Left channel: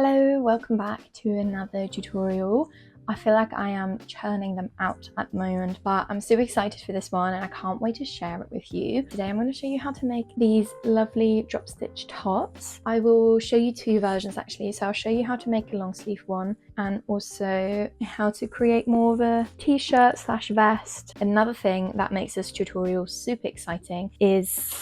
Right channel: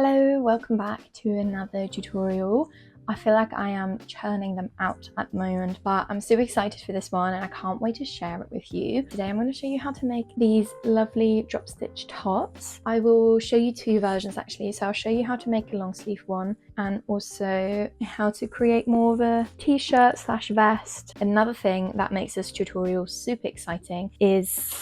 Hello, welcome back to another tutorial. I feel like I am churning them out at the moment, but I'm super excited for this one and I can't wait to share it with you. Today I'm going to show you how to make these lovely drop stitch tops. I will show you two versions actually, so I'll show you how to make a long sleeve one and also how to create more of a t-shirt slash vest. Another thing that makes this tutorial super exciting is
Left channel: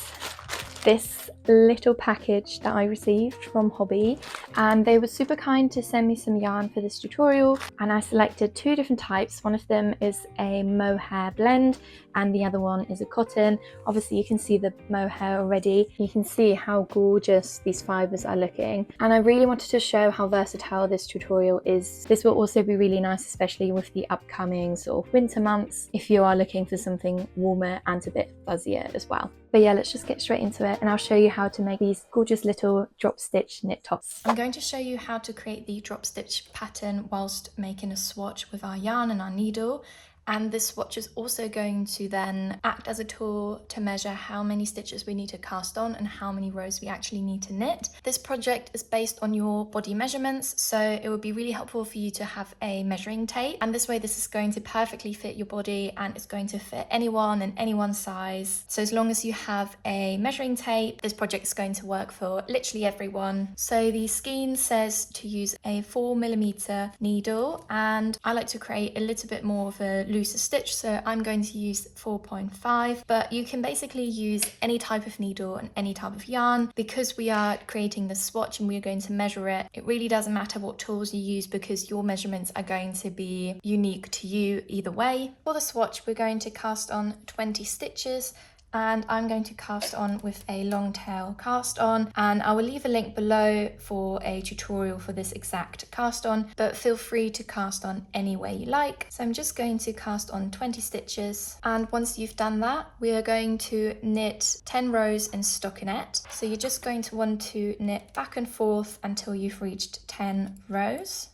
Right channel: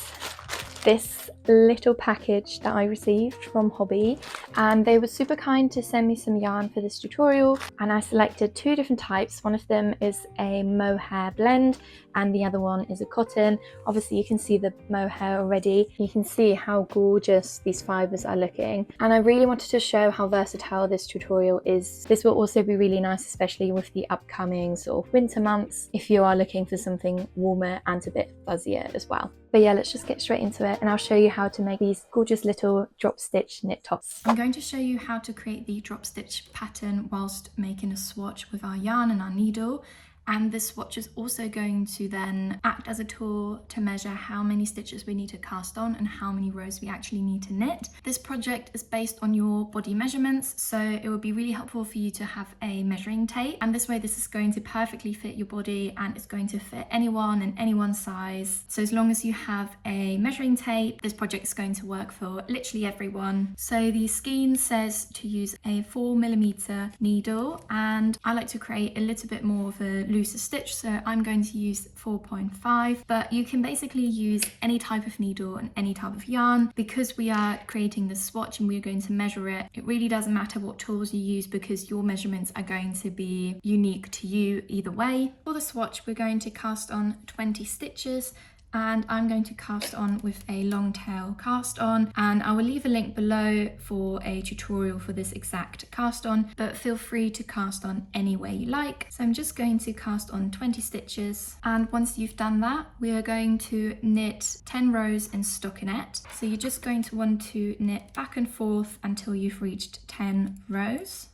this little package that I received from Hobby, and they were super kind to send me some yarn for this tutorial, and I selected two different types. One of them is a mohair blend and the other one is a cotton. Obviously you can see the mohair already. You can see how gorgeous these fibers are looking, and I really wanted to show how versatile this tutorial is. This will also be really nice, especially with the upcoming sort of winter months, if you are looking for something warmer and a bit fuzzier as well. But yeah, let's just get straight into it and I'll show you how to make these gorgeous little drop stitch knit tops. I'm going to show you how to create the drop stitch pattern whilst making a swatch with our yarn and our needle. And this swatch is also going to then act as a tool to measure how many stitches we need to cast on and how many rows we actually need to knit. This project is based on your body measurements, so it would be really helpful for you to have a measuring tape. And this way this is going to perfectly fit your body and it's going to fit anyone and anyone's size. So as long as you have a measuring tape, this project is going to work for literally everyone. So the skein says to use a 4mm needle, and I like to create a little bit more of a looser stitch, so I'm going to use 4.5, but you can basically use any type of needle and any type of yarn. Because we are creating the swatch and we're going to measure it, it really doesn't matter what tools you use because your measurements are going to be unique to you either way. For the swatch, we're going to cast on 20 stitches, and I'm going to cast on with a long tail cast on, and I will leave a link below for a tutorial for this exact cast on, but feel free to cast on any way you like. So I'm just going to cast on 20 stitches, and once you've done that, we are going to knit 10 rows in stockinette. So you're just going to want to knit back and forth until you've reached 10 rows.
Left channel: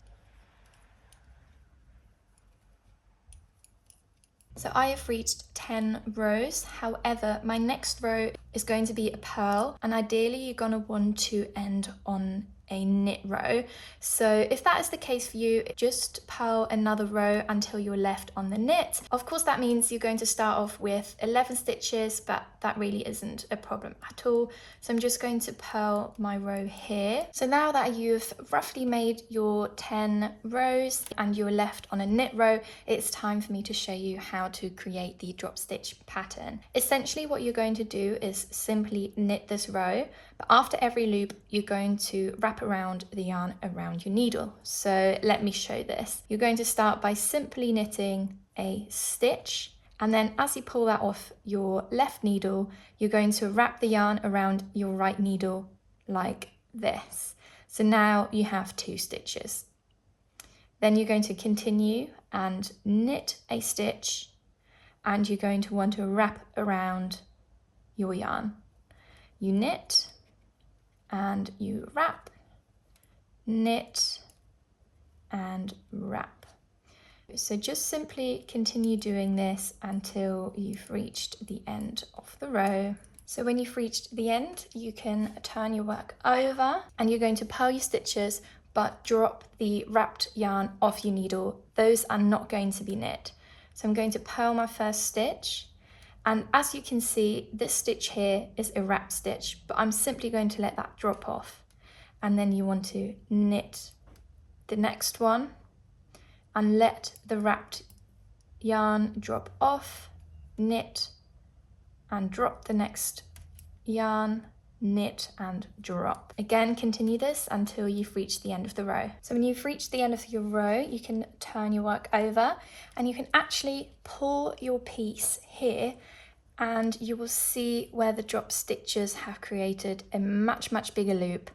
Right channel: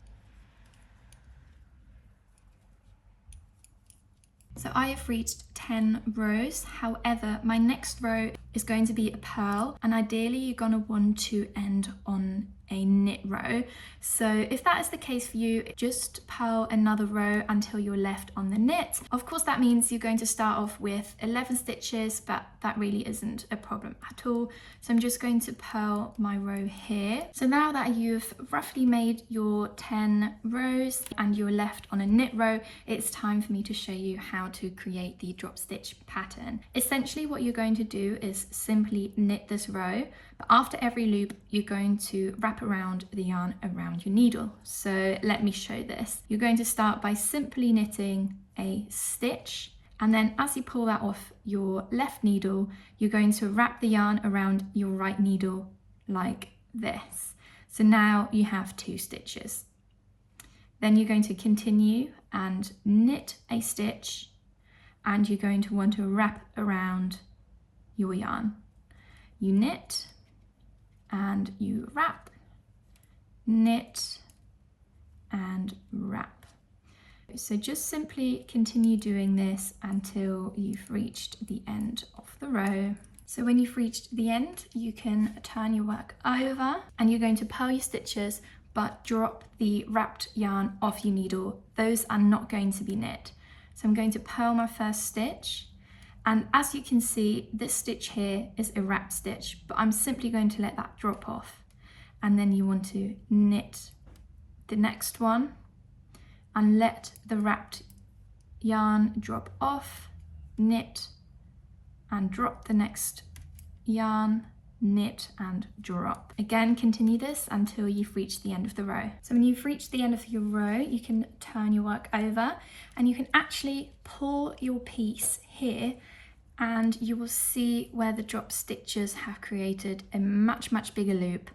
So I have reached 10 rows, however my next row is going to be a purl, and ideally you're going to want to end on a knit row. So if that is the case for you, just purl another row until you're left on the knit. Of course that means you're going to start off with 11 stitches, but that really isn't a problem at all. So I'm just going to purl my row here. So now that you've roughly made your 10 rows and you're left on a knit row, it's time for me to show you how to create the drop stitch pattern. Essentially what you're going to do is simply knit this row, but after every loop you're going to wrap around the yarn around your needle. So let me show this. You're going to start by simply knitting a stitch, and then as you pull that off your left needle, you're going to wrap the yarn around your right needle like this. So now you have 2 stitches. Then you're going to continue and knit a stitch, and you're going to want to wrap around your yarn. You knit and you wrap, knit and wrap. So just simply continue doing this until you've reached the end of the row. So when you've reached the end, you can turn your work over and you're going to purl your stitches, but drop the wrapped yarn off your needle. Those are not going to be knit. So I'm going to purl my first stitch, and as you can see, this stitch here is a wrapped stitch, but I'm simply going to let that drop off. And then you want to knit the next one and let the wrapped yarn drop off, knit and drop the next yarn, knit and drop. Again, continue this until you've reached the end of the row. So when you've reached the end of your row, you can turn your work over and you can actually pull your piece here, and you will see where the drop stitches have created a much bigger loop,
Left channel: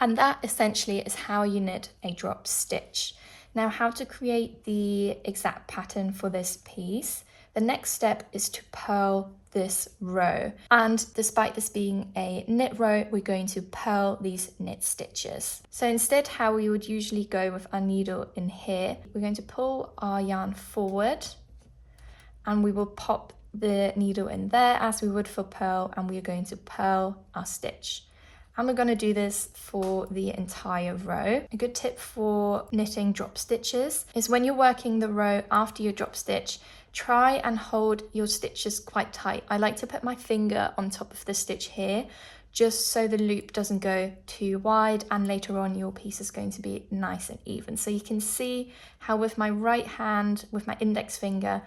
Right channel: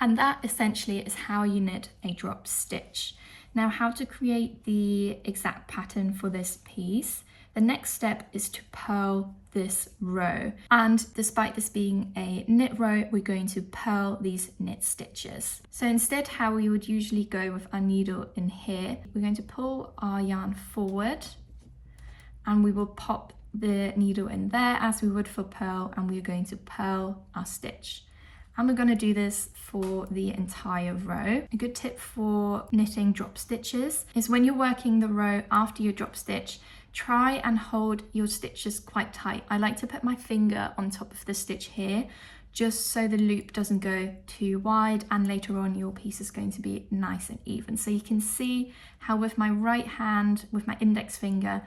and that essentially is how you knit a drop stitch. Now, how to create the exact pattern for this piece, the next step is to purl this row, and despite this being a knit row, we're going to purl these knit stitches. So instead, how we would usually go with our needle in here, we're going to pull our yarn forward and we will pop the needle in there as we would for purl, and we're going to purl our stitch. And we're going to do this for the entire row. A good tip for knitting drop stitches is when you're working the row after your drop stitch, try and hold your stitches quite tight. I like to put my finger on top of the stitch here, just so the loop doesn't go too wide, and later on your piece is going to be nice and even. So you can see how with my right hand, with my index finger,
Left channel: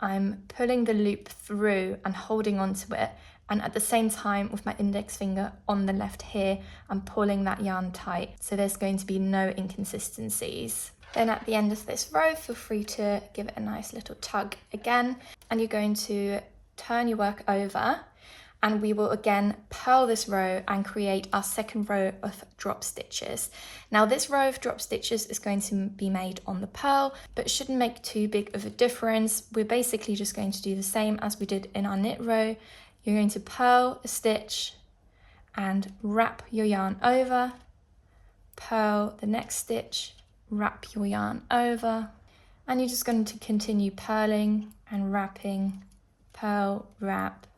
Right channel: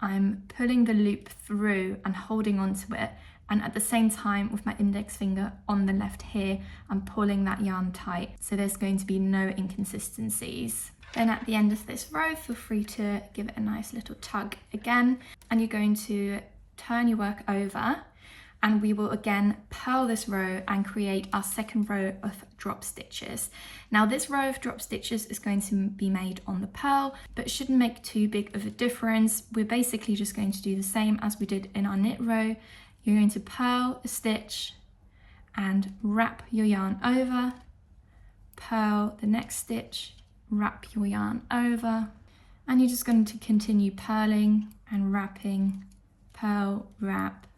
I'm pulling the loop through and holding onto it, and at the same time with my index finger on the left here, I'm pulling that yarn tight, so there's going to be no inconsistencies. Then at the end of this row, feel free to give it a nice little tug again, and you're going to turn your work over, and we will again purl this row and create our second row of drop stitches. Now this row of drop stitches is going to be made on the purl, but shouldn't make too big of a difference. We're basically just going to do the same as we did in our knit row. You're going to purl a stitch and wrap your yarn over, purl the next stitch, wrap your yarn over, and you're just going to continue purling and wrapping, purl, wrap,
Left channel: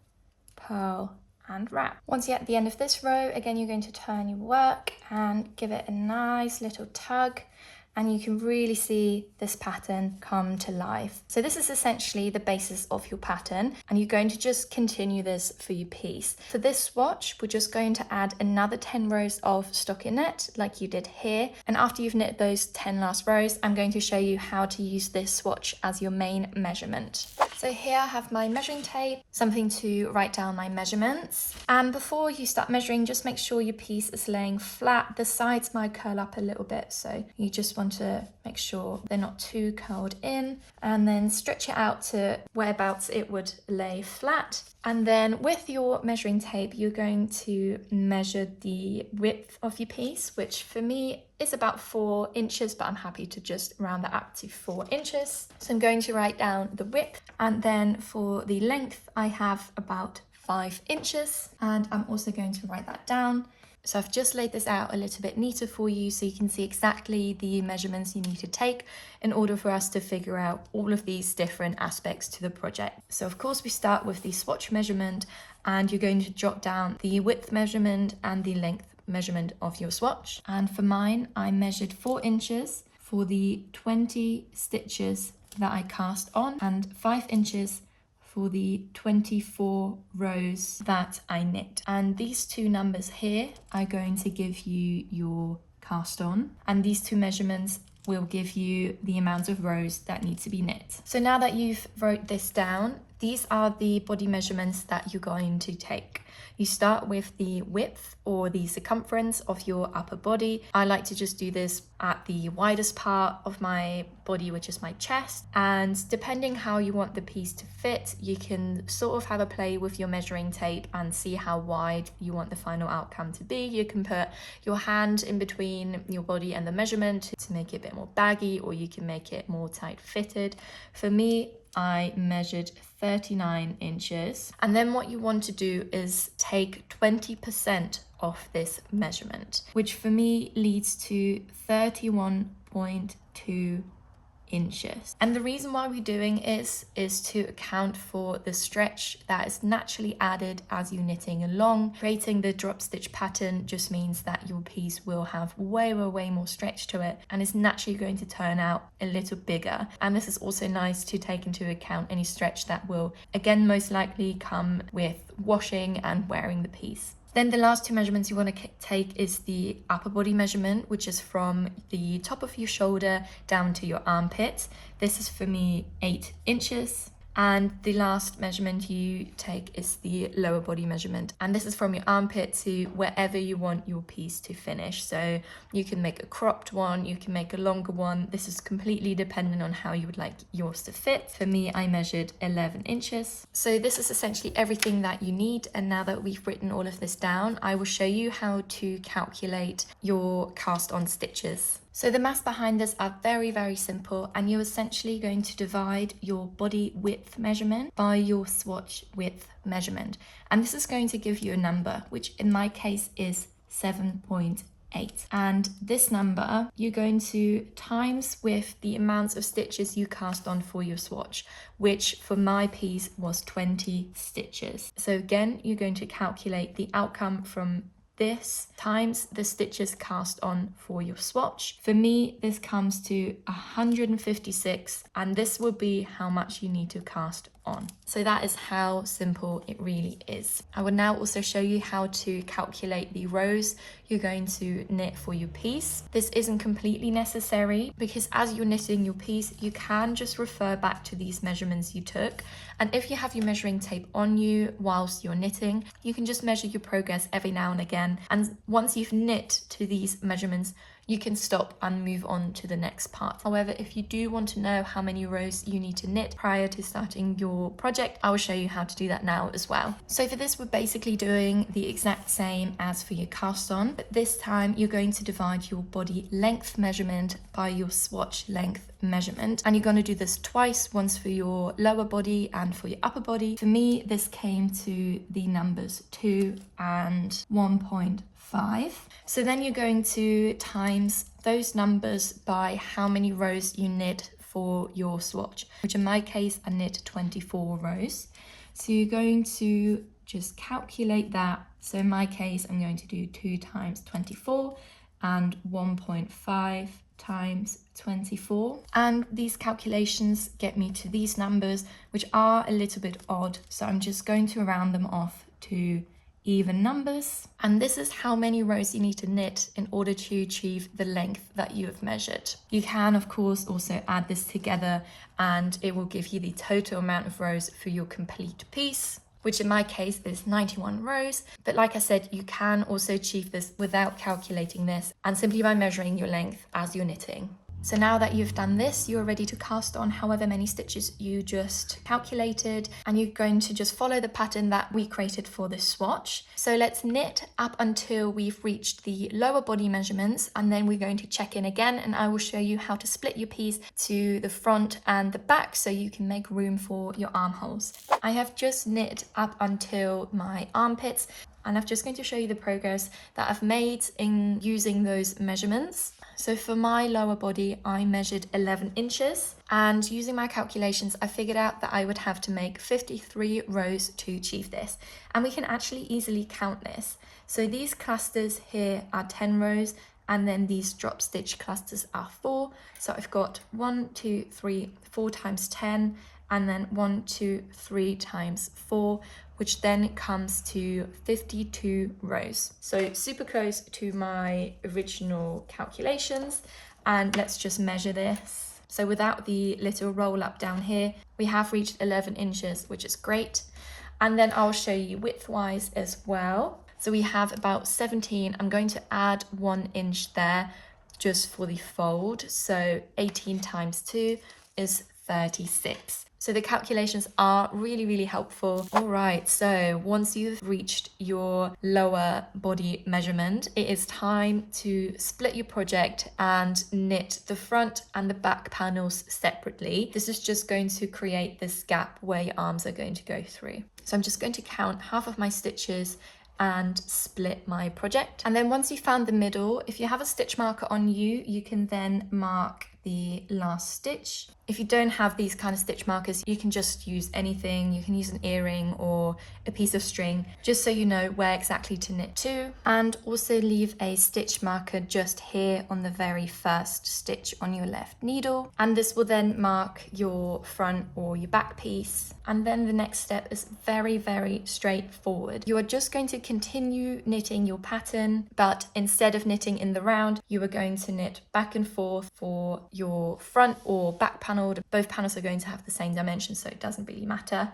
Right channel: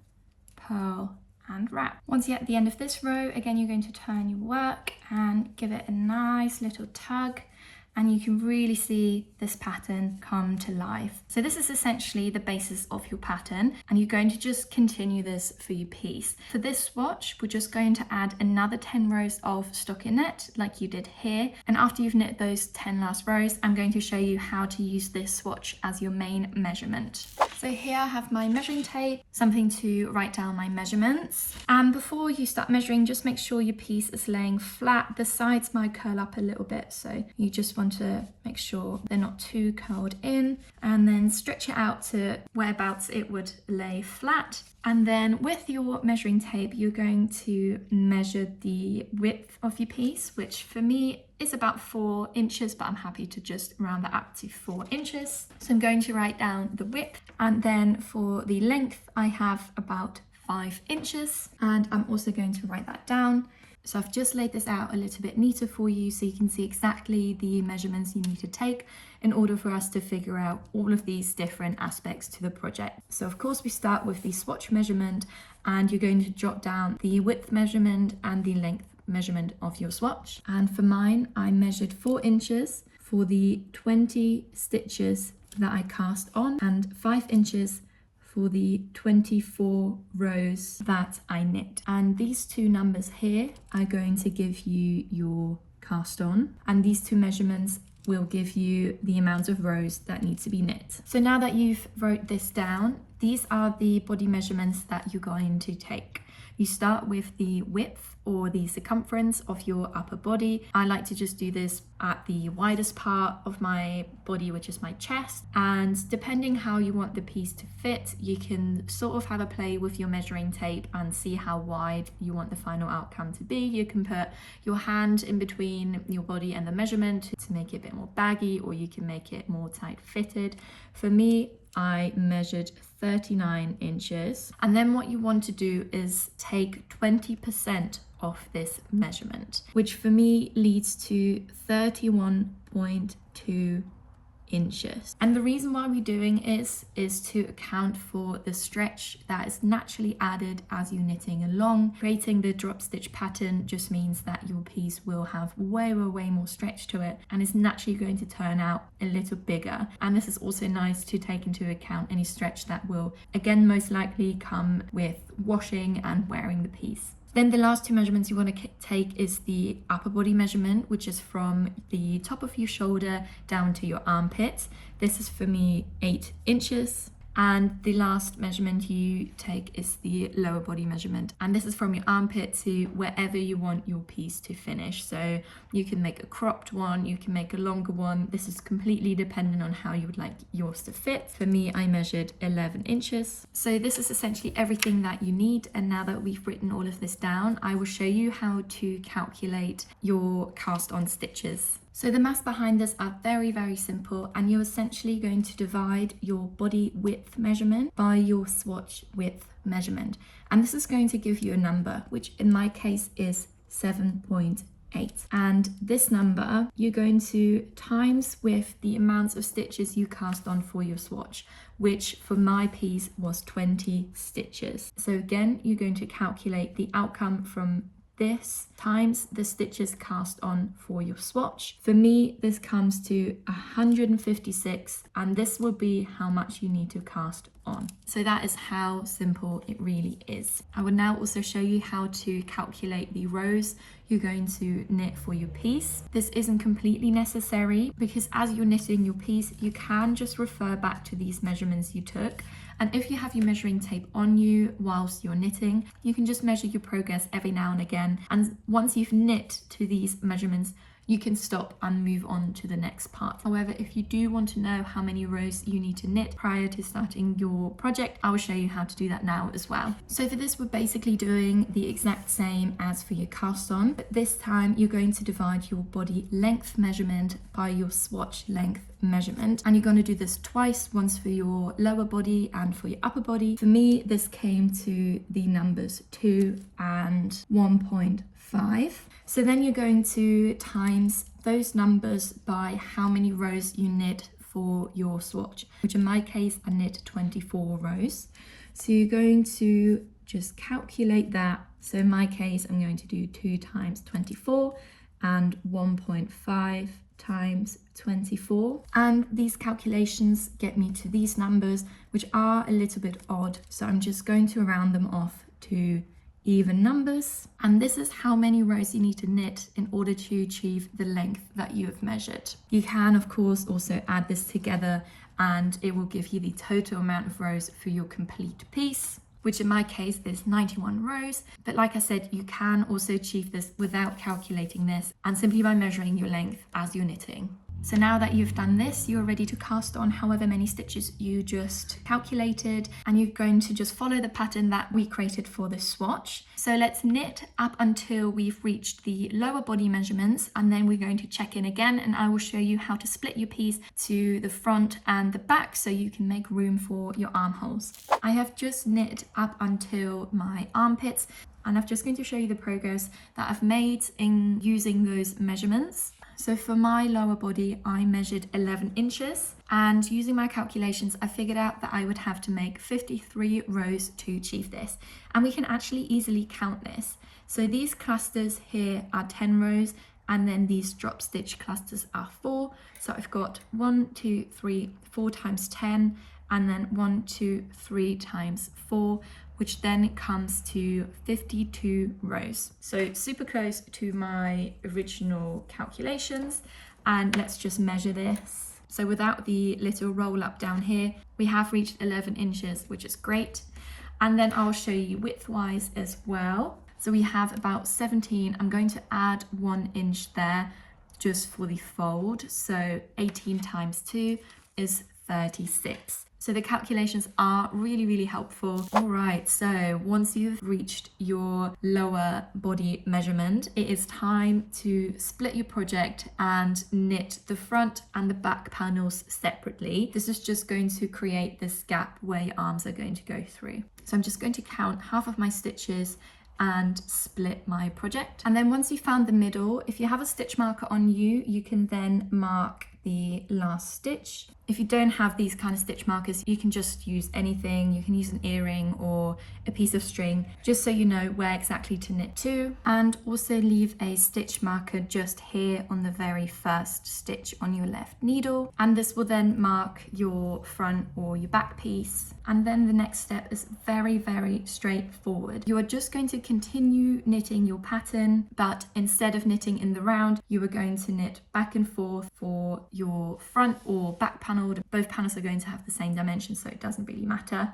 purl and wrap. Once you're at the end of this row, again you're going to turn your work and give it a nice little tug, and you can really see this pattern come to life. So this is essentially the basis of your pattern, and you're going to just continue this for your piece. For this swatch, we're just going to add another 10 rows of stockinette like you did here, and after you've knit those 10 last rows, I'm going to show you how to use this swatch as your main measurement. So here I have my measuring tape, something to write down my measurements. And before you start measuring, just make sure your piece is laying flat. The sides might curl up a little bit, so you just want to make sure they're not too curled in, and then stretch it out to whereabouts it would lay flat. And then with your measuring tape, you're going to measure the width of your piece, which for me is about 4 inches, but I'm happy to just round that up to 4 inches. So I'm going to write down the width, and then for the length, I have about 5 inches, and I'm also going to write that down. So I've just laid this out a little bit neater for you so you can see exactly the measurements you need to take in order for us to figure out all of these different aspects to the project. So of course we start with the swatch measurement, and you're going to jot down the width measurement and the length measurement of your swatch. And for mine, I measured 4 inches for the 20 stitches that I cast on, and 5 inches for the 24 rows that I knit. And these two numbers here are going to give you your cast on, and these two measurements will give you the amount of rows that need to be knit. So now that you've wrote this down, these are the body measurements that you're going to take. You start with the width or the circumference of your upper body. I like to just do this at the widest part of my body, which is my chest. And depending how you want the piece to fit, you can sort of have a play with your measuring tape and see how wide you want the final outcome to be. You can put your hand in between your body and the measurement to make it a bit more baggy, or you can make it more tight fitted. For me, I measured 39 inches. And then what you want to do is take 20% off this measurement, which for me leads to 31.2 inches. And the reason why we're doing this is to account for the stretch that is naturally added as you're knitting along. Creating the drop stitch pattern just means that your piece will have way more stretch to it, and it's naturally going to turn out a little bigger. And this is also nice to take into account any stretch that will, again, most likely come with washing and wearing the piece. Then the last two measurements you want to take is the upper body measurement, which is from the top of your shoulder down to your armpit. This is for me 8 inches. And the last measurement you take is the lower body measurement. And this is from your armpit to wherever you want your piece to finish. So you can make a cropped one, you can make a longer one. This is completely dependent on how you would like yours to fit. For me, I measured 11 inches. So this is essentially everything that you need. And now that we've written all of this down, I will show you how to calculate your cast on stitches. So the maths behind this are very simple, and you're essentially going to divide your body width measurement by your swatch width measurement. And this is going to give you a number, which in my case is 7.8. And this number you're going to times with the amount of stitches you cast on for your swatch, which for my piece was 20 stitches. So again, you're going to calculate the outcome from this times the stitches cast on for your swatch. For me, this comes to 156, and this will be how much you need to cast on. So that is how simple it really is. I will now also show you how to calculate the rows you're going to knit for your piece. This isn't completely necessary because as you're knitting your piece, you can just refer back to these measurements you took. And if you have your measuring tape on you whilst you're knitting, you can just measure your progress every now and again. And once you've knit to these measurements, you can stop and move on to the next part. However, if you do want to know how many rows you need to knit prior to starting your project, I will show you how to do that now as well. So for this, we're basically doing the exact same as for your cast on, but this time you're going to divide your body length measurement by your swatch length measurement, and you're going to do this twice, once for your lower body and for your upper body. For me, this came to the numbers 2 and 1.5. So then you're going to times those numbers by how many rows you knit for your swatch, which in my case I knit 24 rows. So you're going to just calculate that. So in my case, I'm going to do 2 times 24 and 1.5 times 24. And these calculations get me to these numbers, which are a little bit odd. So I'm just going to round them off to even numbers. And this is how many rows you need to knit in order to achieve the length that you have measured. You can, of course, also add this together and it will give you the total amount of rows for your complete piece, which in my case is 91 rows. But like I said, you can also achieve this without calculating this and simply by measuring your length as you're knitting. So now that you've done this, you're ready to cast on however many stitches you just calculated, and you're going to just follow the pattern that we created for this swatch. So let's knit up until we've reached the lower body measurements, and then we're going to check in again, and I will show you how to split your piece to the front and the back so you can make room for your armholes. I have just knit up until my armpits, and I'm just going to show you the progress that I've made in using those measurements. So for my lower body, I measured 11 inches, and using my calculations, I figured out that I would have to make 53 rows to achieve this. And we can actually easily count this. So these clusters here are 10 rows, and then these drop stitch clusters are 4. So I've got 1, 2, 3, 4 times 10, and then 1, 2, 3 times 4, which then comes to 52 rows. So super close to my original calculations. And let's just measure this. So without the little roll up down here, we have reached 11 inches, which is great. And then I'll show you width-wise as well. So we have about 17. I'm going to add 1 inch there just for the fold. So 18 times 2 is 36. So the calculations are really, really helpful. All right, so once you've reached your lower body measurement, it is time to split your project and knit the front and the back panels separately. This is just going to create this gap where your arms are going to go through. So I'm just going to count half of my stitches and split my project. And then once you've found the middle, if you have a stitch marker on you, you can then mark the last stitch. If you don't have these kind of stitch markers, you can just use anything. You can use an earring or a piece of string, just so you know where exactly to knit to. And also leave a stitch marker just here on the very first stitch on your left needle. And this will then mark your front or your back piece. And then the next step is very, very straightforward. You are just going to continue knitting your pattern, but instead of knitting in the round, you are going to knit back and forth for your front or back panel. Both panels are going to have the same dimension, so it doesn't really matter.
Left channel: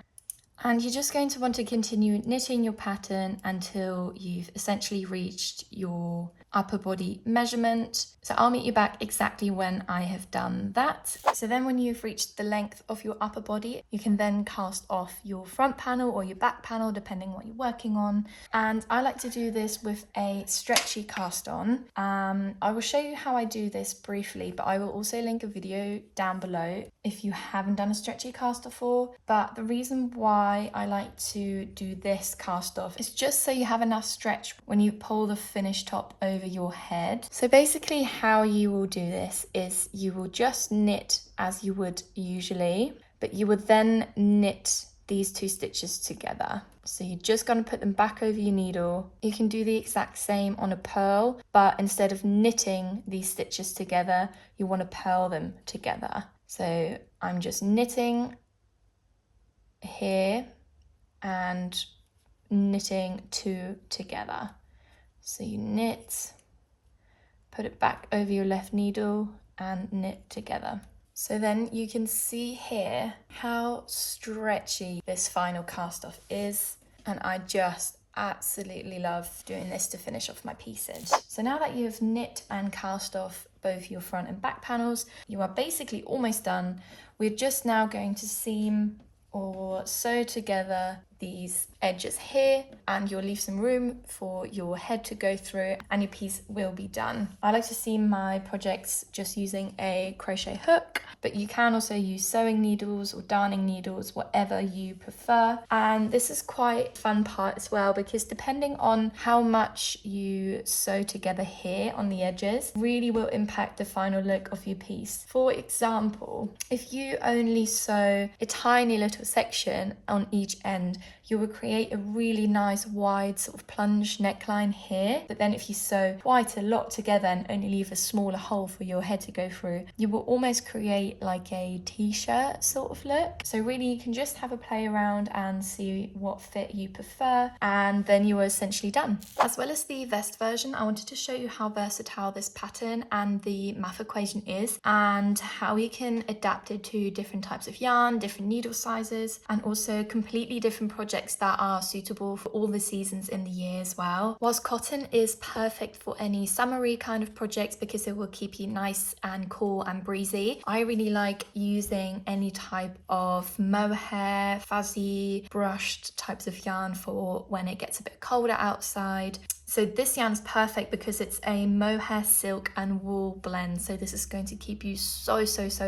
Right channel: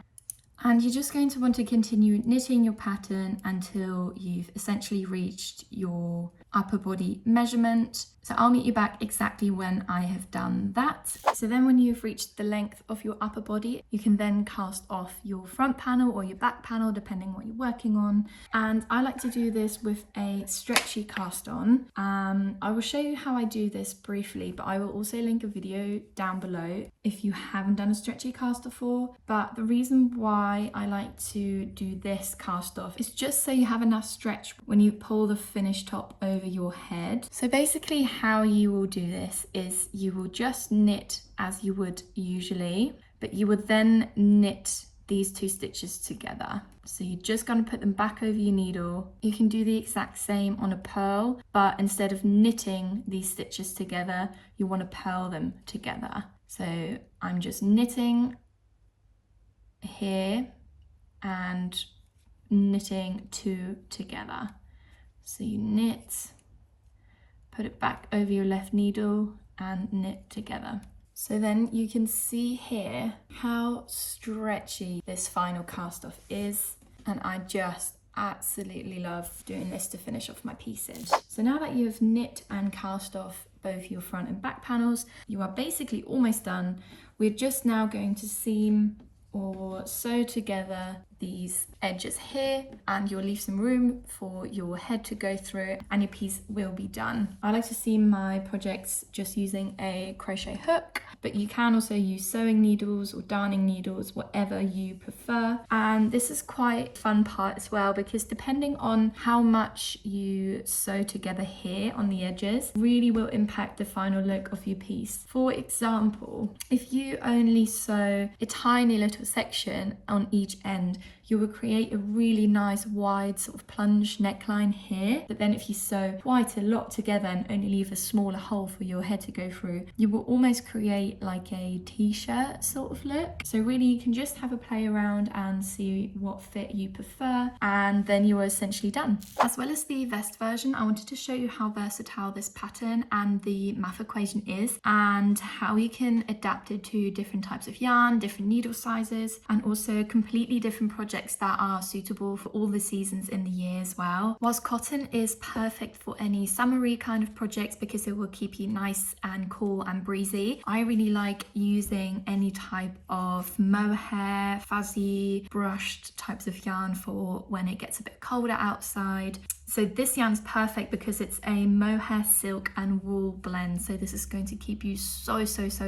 And you're just going to want to continue knitting your pattern until you've essentially reached your upper body measurement. So I'll meet you back exactly when I have done that. So then when you've reached the length of your upper body, you can then cast off your front panel or your back panel, depending what you're working on. And I like to do this with a stretchy cast on. I will show you how I do this briefly, but I will also link a video down below if you haven't done a stretchy cast before. But the reason why I like to do this cast off is just so you have enough stretch when you pull the finished top over your head. So basically how you will do this is you will just knit as you would usually, but you would then knit these two stitches together. So you're just going to put them back over your needle. You can do the exact same on a purl, but instead of knitting these stitches together, you want to purl them together. So I'm just knitting here and knitting two together. So you knit, put it back over your left needle and knit together. So then you can see here how stretchy this final cast off is, and I just absolutely love doing this to finish off my pieces. So now that you've knit and cast off both your front and back panels, you are basically almost done. We're just now going to seam or sew together these edges here, and you'll leave some room for your head to go through and your piece will be done. I like to seam my projects just using a crochet hook, but you can also use sewing needles or darning needles, whatever you prefer. And this is quite a fun part as well, because depending on how much you sew together here on the edges really will impact the final look of your piece. For example, if you only sew a tiny little section on each end, you will create a really nice wide sort of plunge neckline here. But then if you sew quite a lot together and only leave a smaller hole for your head to go through, you will almost create like a t-shirt sort of look. So really you can just have a play around and see what fit you prefer, and then you are essentially done. As well as the vest version, I wanted to show you how versatile this pattern and the math equation is, and how you can adapt it to different types of yarn, different needle sizes, and also completely different projects that are suitable for all the seasons in the year as well. Whilst cotton is perfect for any summery kind of projects because it will keep you nice and cool and breezy, I really like using any type of mohair, fuzzy, brushed types of yarn for when it gets a bit colder outside. So this yarn's perfect because it's a mohair, silk and wool blend. So this is going to keep you so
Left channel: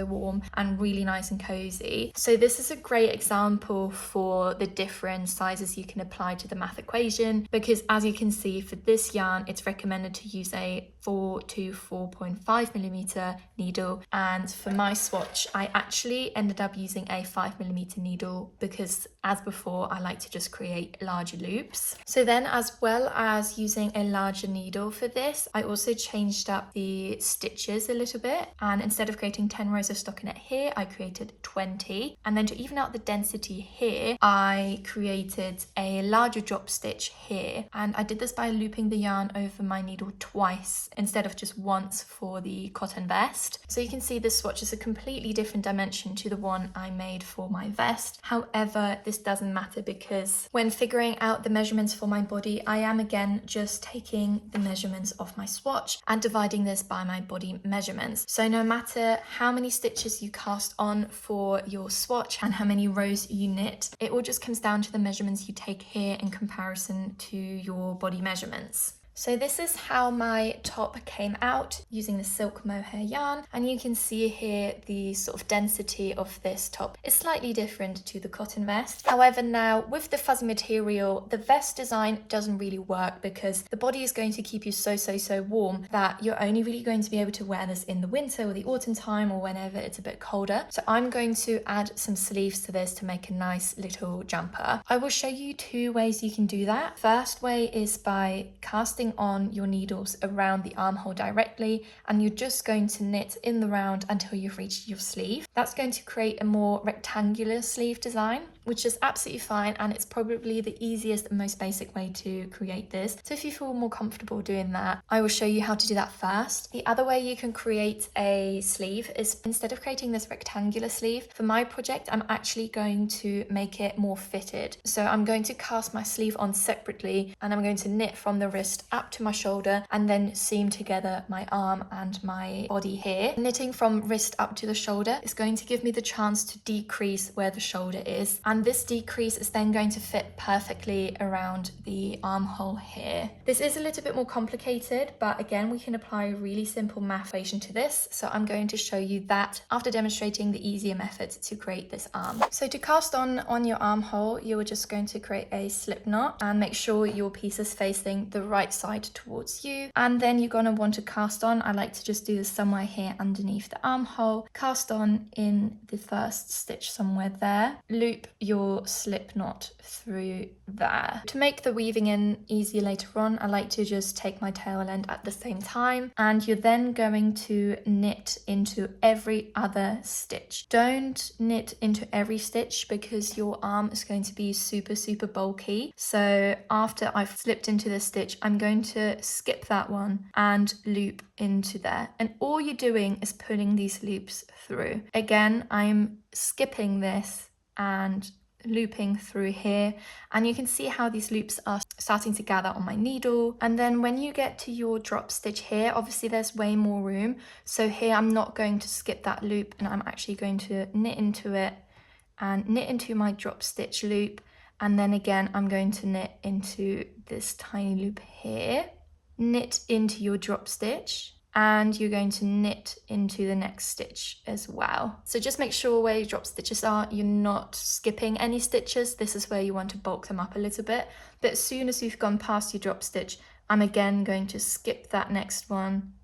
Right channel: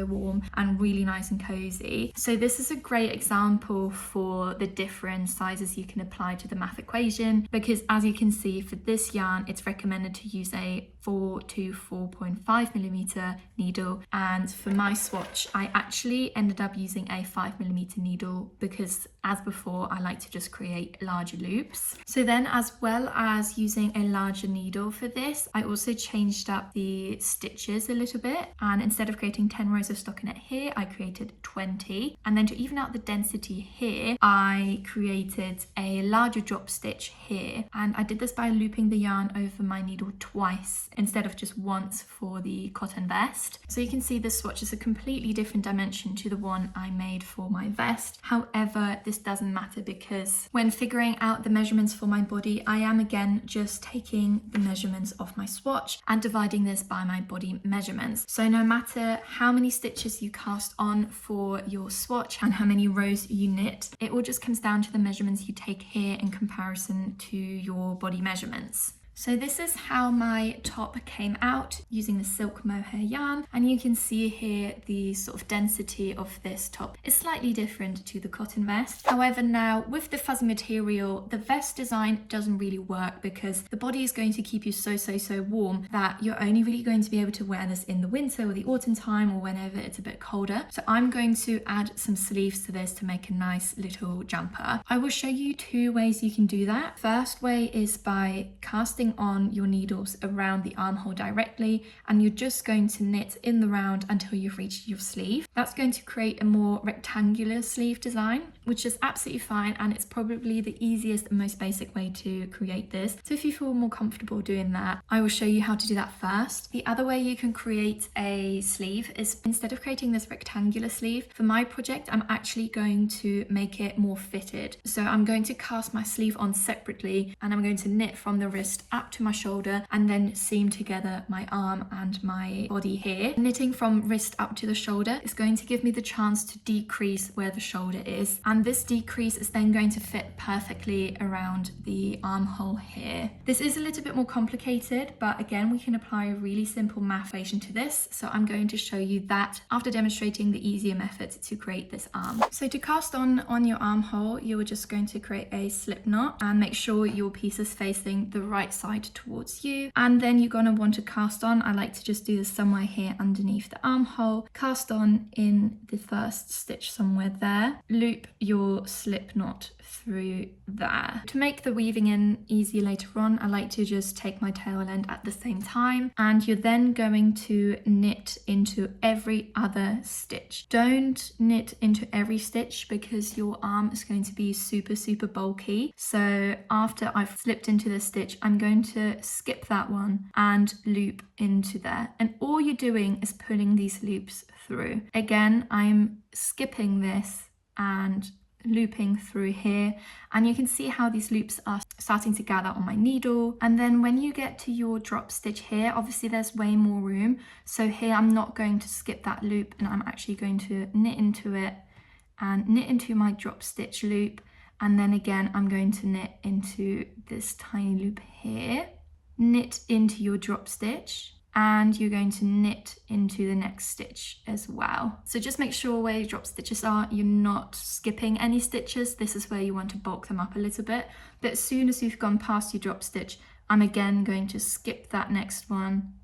warm and really nice and cozy. So this is a great example for the different sizes you can apply to the math equation, because as you can see for this yarn, it's recommended to use a 4 to 4.5 millimeter needle. And for my swatch, I actually ended up using a 5 millimeter needle because, as before, I like to just create larger loops. So then, as well as using a larger needle for this, I also changed up the stitches a little bit, and instead of creating 10 rows of stockinette here, I created 20. And then to even out the density here, I created a larger drop stitch here, and I did this by looping the yarn over my needle twice instead of just once for the cotton vest. So you can see this swatch is a completely different dimension to the one I made for my vest. However, this doesn't matter because when figuring out the measurements for my body, I am again just taking the measurements of my swatch and dividing this by my body measurements. So no matter how many stitches you cast on for your swatch and how many rows you knit, it all just comes down to the measurements you take here in comparison to your body measurements. So this is how my top came out using the silk mohair yarn, and you can see here the sort of density of this top is slightly different to the cotton vest. However, now with the fuzzy material, the vest design doesn't really work because the body is going to keep you so warm that you're only really going to be able to wear this in the winter or the autumn time or whenever it's a bit colder. So I'm going to add some sleeves to this to make a nice little jumper. I will show you two ways you can do that. First way is by casting on your needles around the armhole directly, and you're just going to knit in the round until you've reached your sleeve. That's going to create a more rectangular sleeve design, which is absolutely fine, and it's probably the easiest and most basic way to create this. So if you feel more comfortable doing that, I will show you how to do that first. The other way you can create a sleeve is, instead of creating this rectangular sleeve, for my project I'm actually going to make it more fitted. So I'm going to cast my sleeve on separately, and I'm going to knit from the wrist up to my shoulder and then seam together my arm and my body here. Knitting from wrist up to the shoulder is going to give me the chance to decrease where the shoulder is, and this decrease is then going to fit perfectly around the armhole here. This is a little bit more complicated, but again we can apply a really simple math equation to this, so I'm going to show you that after demonstrating the easier method to create this arm. So to cast on your armhole, you're just going to create a slip knot and make sure your piece is facing the right side towards you. And then you're going to want to cast on. I like to just do this somewhere here underneath the armhole. Cast on in the first stitch somewhere there. Loop your slip knot through there. To make the weaving in easier later on, I like to just take my tail end at the same time, and you're then going to knit into every other stitch. Don't knit into every stitch because your arm is going to be super bulky. So after I've slipped into the stitch, I'm going to skip that one and loop into there. And all you're doing is pulling these loops through. Again, I'm skipping this and looping through here, and you can see how these loops are starting to gather on my needle. And then when you get to your drop stitch here, obviously there's way more room, so here I'm not going to skip that loop, and I'm actually going to knit into it and knit into my drop stitch loop, and then again I'm going to knit into this tiny loop here, knit into your drop stitch, and you're going to knit into the next stitch as well. So just make sure where your drop stitches are, you're not skipping any stitches. This is where you want to bulk them up a little bit. But as soon as you've gone past your drop stitch, I'm again going to skip that next one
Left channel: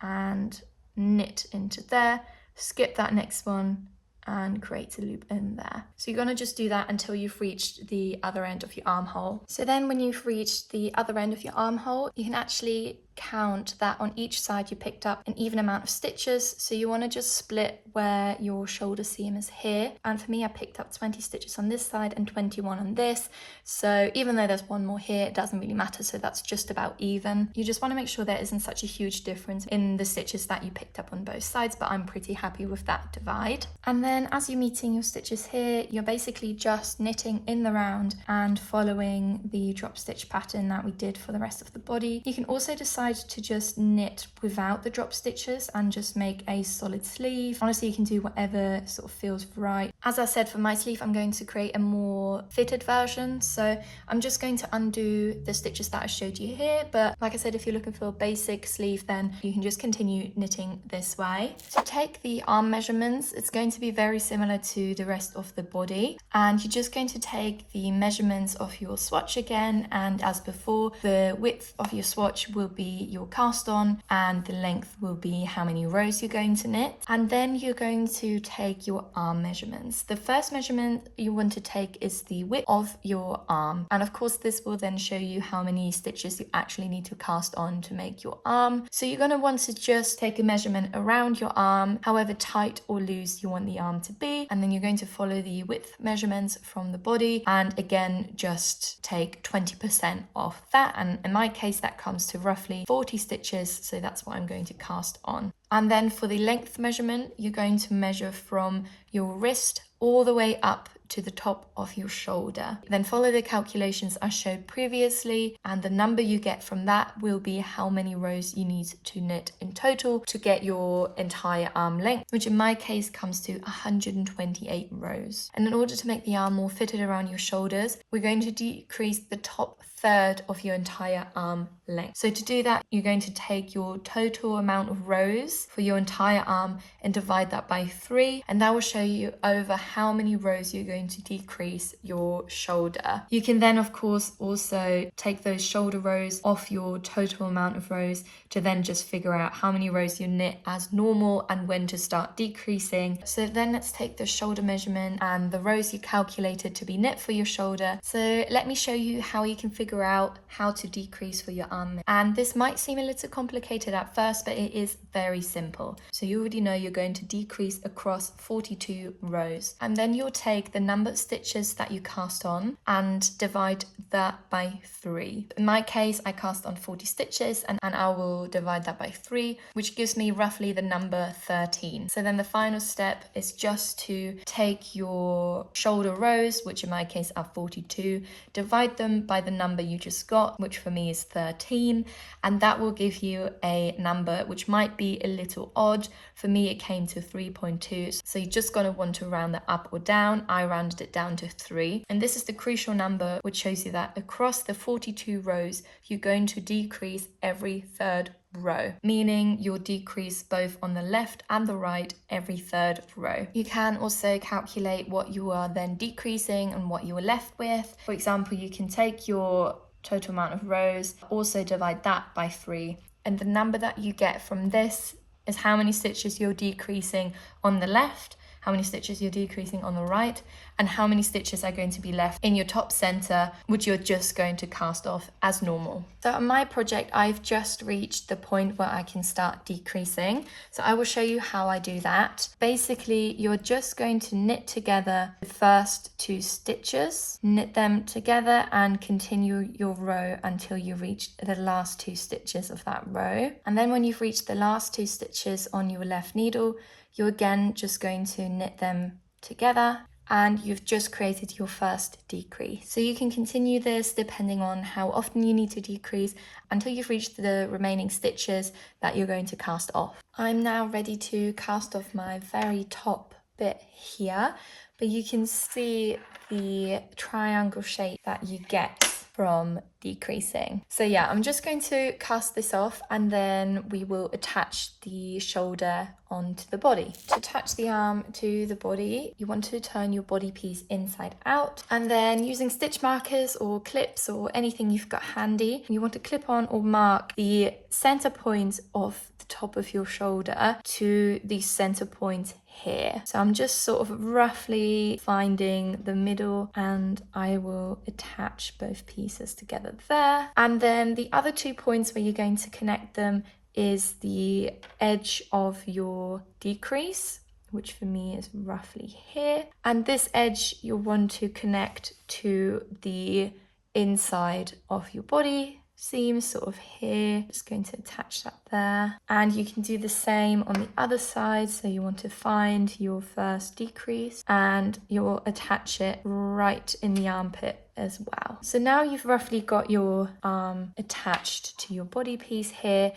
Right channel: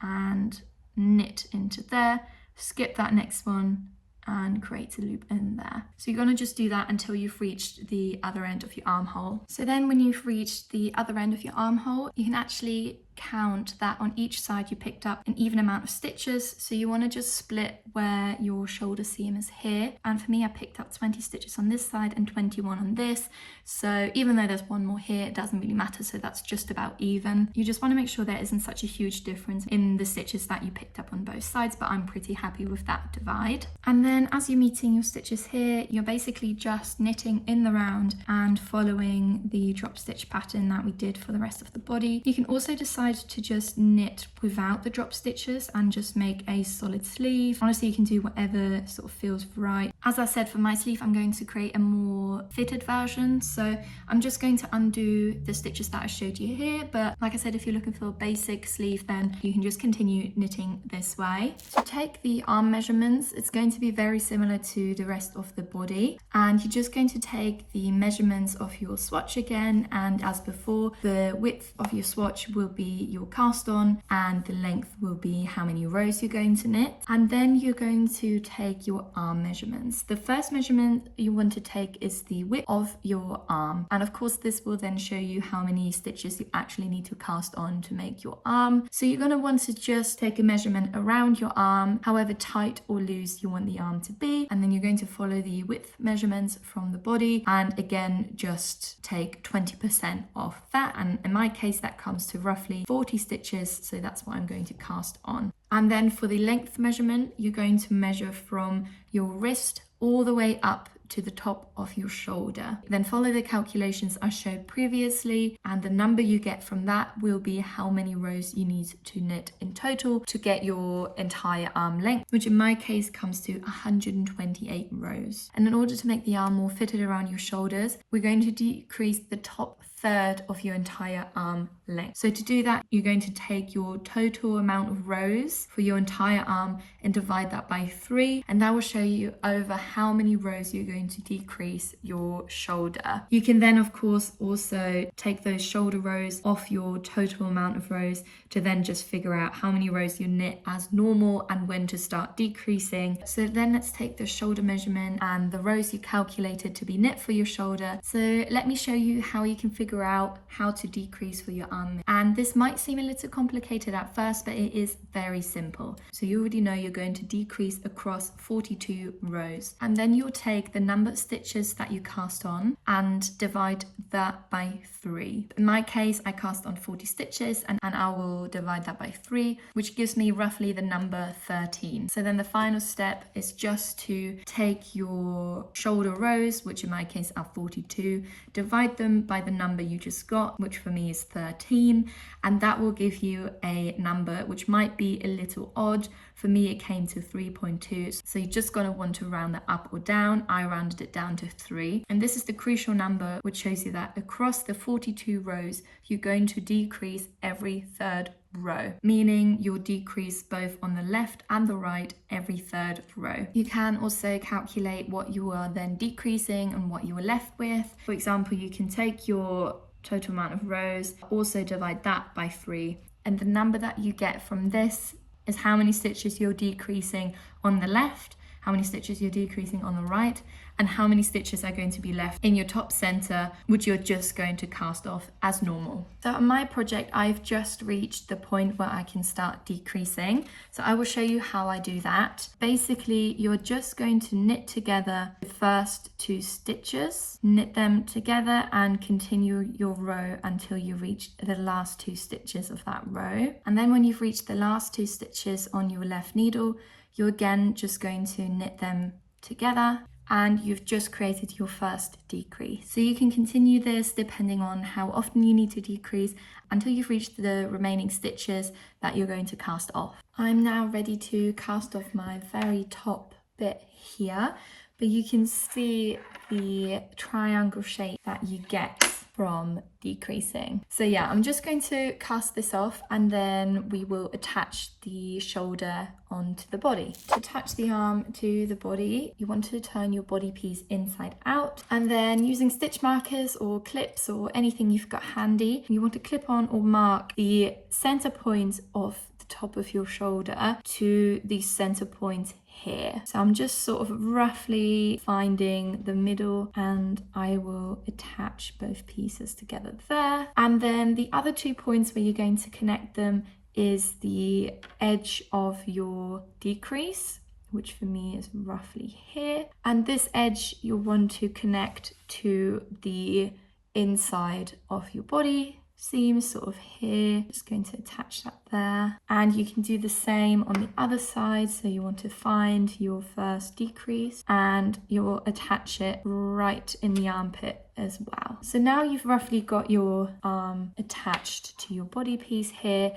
and knit into there, skip that next one and create a loop in there. So you're going to just do that until you've reached the other end of your armhole. So then when you've reached the other end of your armhole, you can actually count that on each side you picked up an even amount of stitches. So you want to just split where your shoulder seam is here, and for me I picked up 20 stitches on this side and 21 on this, so even though there's one more here, it doesn't really matter, so that's just about even. You just want to make sure there isn't such a huge difference in the stitches that you picked up on both sides, but I'm pretty happy with that divide. And then as you're meeting your stitches here, you're basically just knitting in the round and following the drop stitch pattern that we did for the rest of the body. You can also decide to just knit without the drop stitches and just make a solid sleeve. Honestly, you can do whatever sort of feels right. As I said, for my sleeve I'm going to create a more fitted version, so I'm just going to undo the stitches that I showed you here, but like I said, if you're looking for a basic sleeve, then you can just continue knitting this way. To take the arm measurements, it's going to be very similar to the rest of the body, and you're just going to take the measurements of your swatch again, and as before, the width of your swatch will be your cast on and the length will be how many rows you're going to knit. And then you're going to take your arm measurements. The first measurement you want to take is the width of your arm, and of course this will then show you how many stitches you actually need to cast on to make your arm. So you're going to want to just take a measurement around your arm, however tight or loose you want the arm to be, and then you're going to follow the width measurements from the body, and again just take 20% off that, and in my case that comes to roughly 40 stitches, so that's what I'm going to cast on. And then for the length measurement, you're going to measure from your wrist all the way up to the top of your shoulder. Then follow the calculations I showed previously, and the number you get from that will be how many rows you need to knit in total to get your entire arm length, which in my case comes to 128 rows. And in order to make the arm more fitted around your shoulders, we're going to decrease the top third of your entire arm length. So to do that, you're going to take your total amount of rows for your entire arm and divide that by 3, and that will show you over how many rows you're going to decrease your shoulder. You can then of course also take those shoulder rows off your total amount of rows to then just figure out how many rows you knit as normal and when to start decreasing. So then let's take the shoulder measurement and the rows you calculated to be knit for your shoulder. So let me show you how you can figure out how to decrease for your arm. And this might seem a little complicated at first, but it is very simple. So you already know you're going to decrease across 42 rows, and then you'll take the number of stitches that you cast on and divide that by 3. In my case, I cast on 40 stitches and I will divide that by 3, which gives me roughly the number 13. So then the final step is just to take your shoulder rows, which in my case are 42, divide them by the number you just got, which for me is 13, and that will give you a number which might be a little odd. For me it came to 3.2, so you're just going to want to round that up or down. I rounded it down to 3, and this is the crucial number which shows you that across the 42 rows you're going to decrease every third row, meaning you'll decrease both on the left and the right every third row. You can also calculate what you are then decreasing and what you were left with. For example, you can take your total amount of rows. Also divide that by 3. And the number that you get from this is how many stitches you're decreasing on the left, how many stitches you're decreasing on the right, and how many stitches are going to be left in your top center, which you're just going to cast off as normal. So on my project, I've just reached the point where I can start decreasing. So I will show you how I do that. Basically, you're just going to knit together the first 2 stitches, knit them together and continue your row until you reach the last 2 stitches of that row. And then when you've reached the last 2 stitches on your left needle, you're again just going to knit them together, and you've just created your first decrease. So you can continue this depending on how often you need to decrease until you've reached the remaining stitches that you're going to cast off. I'm now ready to cast off my very top bit here, but you can see the triangle shape that you get from decreasing. So yeah, I'm just going to cast this off and then we will attach the shoulder onto the body. To attach the arm to the body, you want to turn your body piece inside out, and then using stitch markers or clips or anything you've got handy, you want to clip on or mark the center point of the top of your shoulder to the center point here. So I'm just sort of roughly finding the middle, and I will attach both pieces together there. And then the other 2 points where you're going to connect them is the edge of your decrease, which for me is roughly here. And this edge you'll want to connect to the inside of your body seam, sort of here. Just going to attach that there, and you can do the same on the other side. So you want to find your first decrease and you'll attach it right in the armpit as well. So now you've roughly got your arm attached to your body piece here.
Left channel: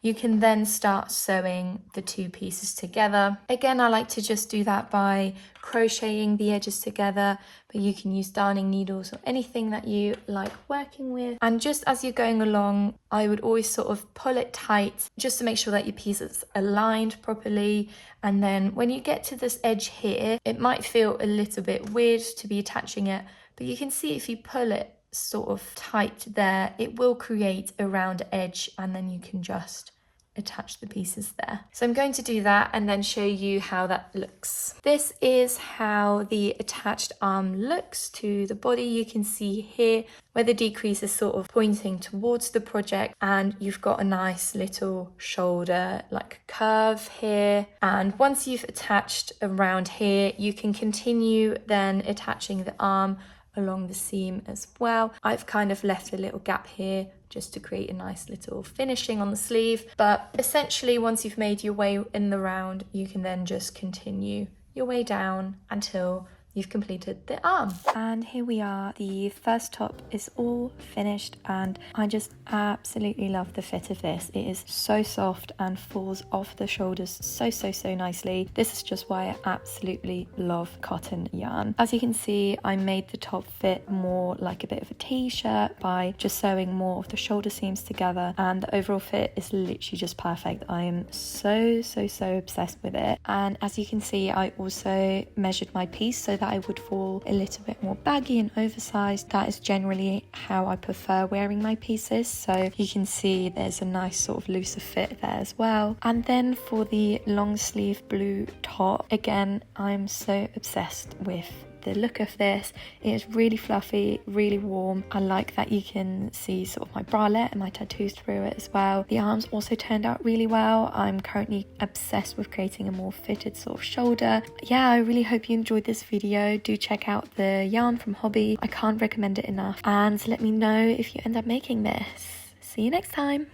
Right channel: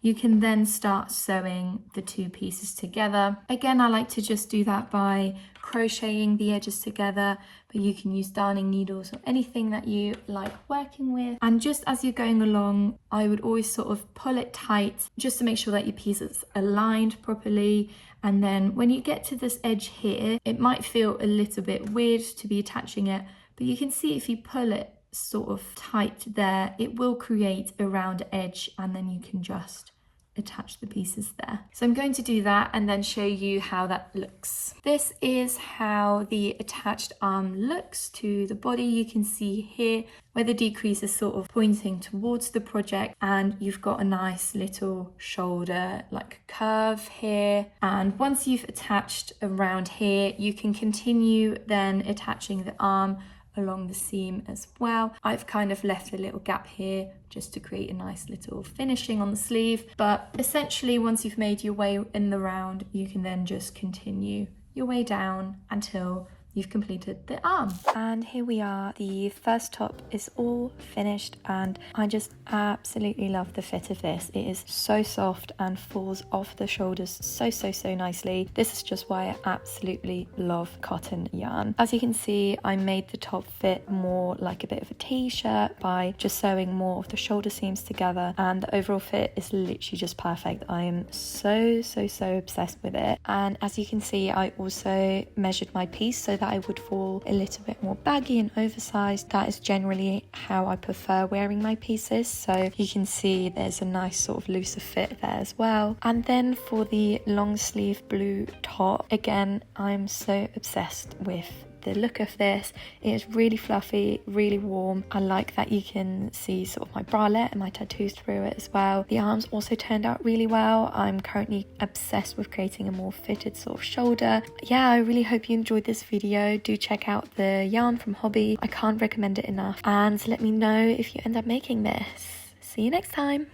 You can then start sewing the 2 pieces together. Again, I like to just do that by crocheting the edges together, but you can use darning needles or anything that you like working with. And just as you're going along, I would always sort of pull it tight just to make sure that your piece is aligned properly. And then when you get to this edge here, it might feel a little bit weird to be attaching it, but you can see if you pull it sort of tight there, it will create a round edge, and then you can just attach the pieces there. So I'm going to do that and then show you how that looks. This is how the attached arm looks to the body. You can see here where the decrease is sort of pointing towards the project, and you've got a nice little shoulder like curve here. And once you've attached around here, you can continue then attaching the arm along the seam as well. I've kind of left a little gap here just to create a nice little finishing on the sleeve, but essentially once you've made your way in the round, you can then just continue your way down until you've completed the arm. And here we are, the first top is all finished, and I just absolutely love the fit of this. It is so soft and falls off the shoulders so nicely. This is just why I absolutely love cotton yarn. As you can see, I made the top fit more like a bit of a t-shirt by just sewing more of the shoulder seams together, and the overall fit is literally just perfect. I am so obsessed with it. And as you can see, I also measured my piece so that I would fall a little bit more baggy and oversized. That is generally how I prefer wearing my pieces, so you can see there's a nice sort of looser fit there as well. And then for the long sleeve blue top, again, I'm so obsessed with the look of this. It is really fluffy, really warm. I like that you can see sort of my bralette and my tattoos through it as well. The arms also turned out really well. I'm currently obsessed with creating a more fitted sort of shoulder. Yeah, I really hope you enjoyed this video. Do check out the yarn from Hobby. I can't recommend it enough. And let me know if you end up making this. See you next time.